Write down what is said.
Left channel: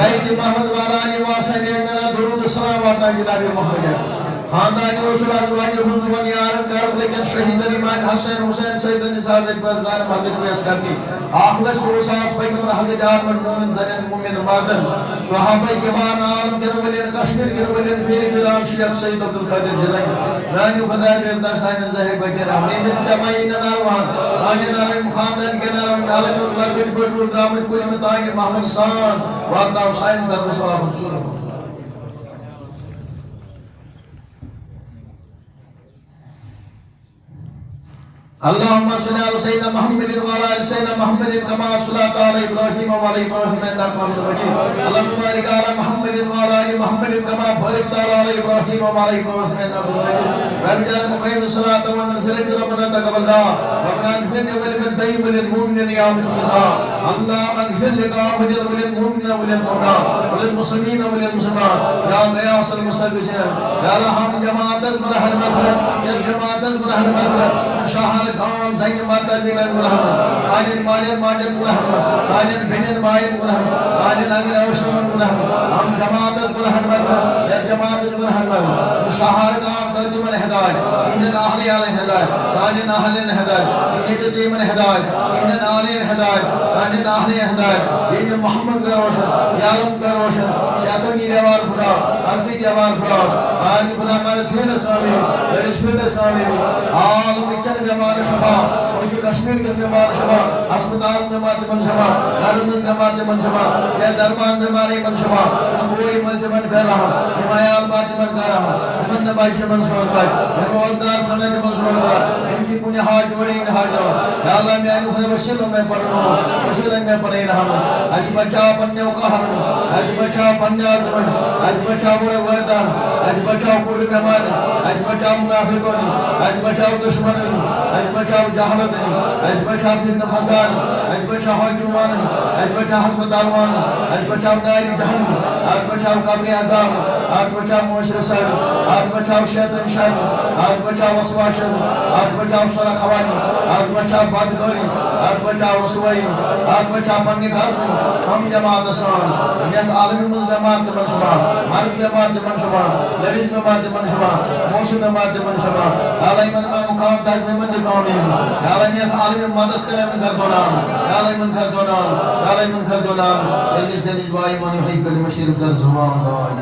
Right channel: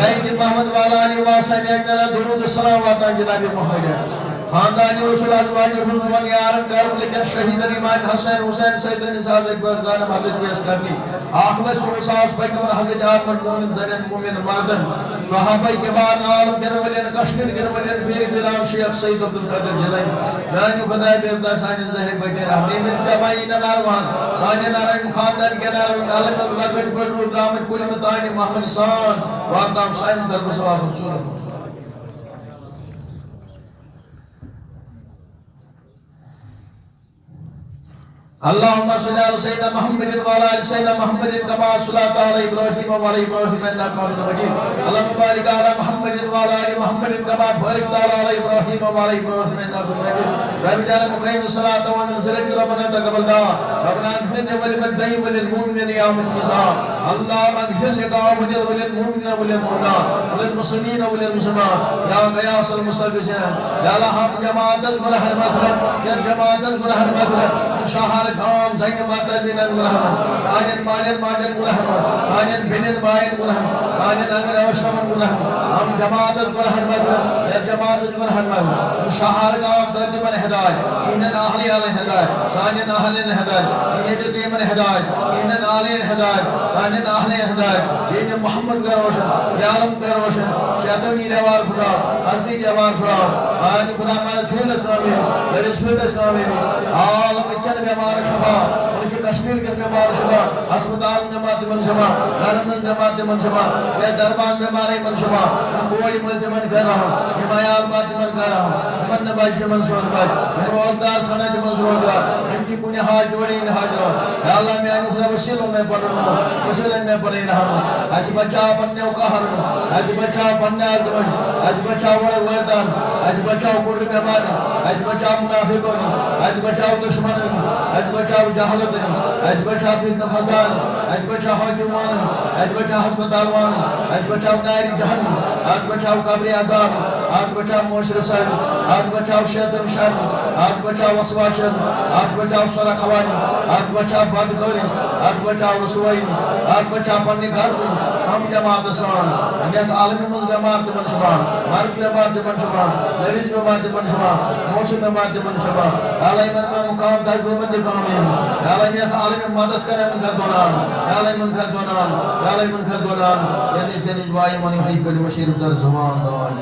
बैत मोहम्मद वाला अली वासब मेरा दुरूद सलाम आता जनाब मोहम्मद खानदान रसूल अज़वाज रुज़वान यारन करबला के शहीद इमाम हसन हुसैन सैयद निसाब बज़ान हजरत पेश करनी आखिरत सुरसास पैगंबर हजरत आमन मोमिन जन मोमिन मर्दन सहाबा के बाद आलम के वलियन कश्मीर के वलियन पीर बिराम शेख सैयद अब्दुल कादिर जिलानी नानी खुदा देवता साइन ज़ाहिर बकर हमने में जमाइन नारवान साने नारायण खानदान के नारायण आलम लकट बटू ड्रामा कुल मताइन मोहम्मद सान वादा साइन दर सवाब रसूल اللهم صل على سيدنا محمد وعلى ال سيدنا محمد كما صليت على ابراهيم وعلى ابراهيم انك حميد مجيد اللهم بارك على محمد وعلى ال محمد كما باركت على ابراهيم وعلى ابراهيم انك حميد مجيد رب اجعل مقيم الصلاه ونصلي ربنا تقبل دعاء ربنا اغفر للمدعي وللمؤمنين يا من النساء اللهم اغفر لقوم وللمؤمنين وللمؤمنات وللمسلمين وللمسلمات يا غياث المستغيثين يا لهم جماعه البرهان المغفرة يا جماعه البرهان المغفرة شهر خان زين مادر من الرحمة خانن مالن ماجن الرحمة خانن بنين باين الرحمة خانن أجر أشرم الرحمة هم جماعة الرحمة يا جماعة الرحمة شهر خان درج من هداية إن الأهل على الهداية خانن أهل الهداية إن يجتمع من هداية إن الأهل الهداية خانن أهل الهداية إن محمد كروشن يارم كروشن شيطان يدوار فرا أصلي جوار فرا أنا خدا مالك فيل اسمامي ليش فيل اسمامي عالم इधर बीमार शबा उनकी कश्मीर के बीमार शबा अस्पताल में मारते मन शबा धर्म में मारते मन शबा ये दरबार में मारे मन शबा कोई मन मन कर रहा हिमायत बात मन कर रहा मन ने बाई से मन सुन बाई रोजगार सोने के मन रोजगार इनकी पुण्य हाथ जोड़े इन हाथ जोड़ अल्लाह मैं उन्हें वसील में पढ़ रहा हूं वसील में पढ़ रहा हूं आज बच्चा बनने का हर आज बच्चा बनने आजमन आज बच्चा बड़े वरदान आज बच्चा पूरे बीमार आज बच्चा मुनाफिकों आज बच्चा दुश्मन आज बचाव जहालत आज बचाव फितना फसाद आज बचाव हुक्मान आज बचाव अस्पताल आज बचाव नारी जहन्नम आज बचाव कब्र अज़ाब आज बचाव मुशर सर आज बचाव शैतान शर आज बचाव वसवास आज बचाव सरा खवानी आज बचाव बदगोरी आज बचाव रसवाई आज बचाव पन्ने घर हम जमात समान यत आलमी मुल जमात मन समान मर्द जमात मन समान लेडीज जमात मन समान मौसम जमात मन समान आलई मन में मुकाम ताज में मन दिखाऊंगी आलई यत आलमी मदद करें मन कर दोना आलई मन कर दोना आलई मन कर दोना लेकिन तेरी वाई मनी है कल मशीर दर ज़ुबान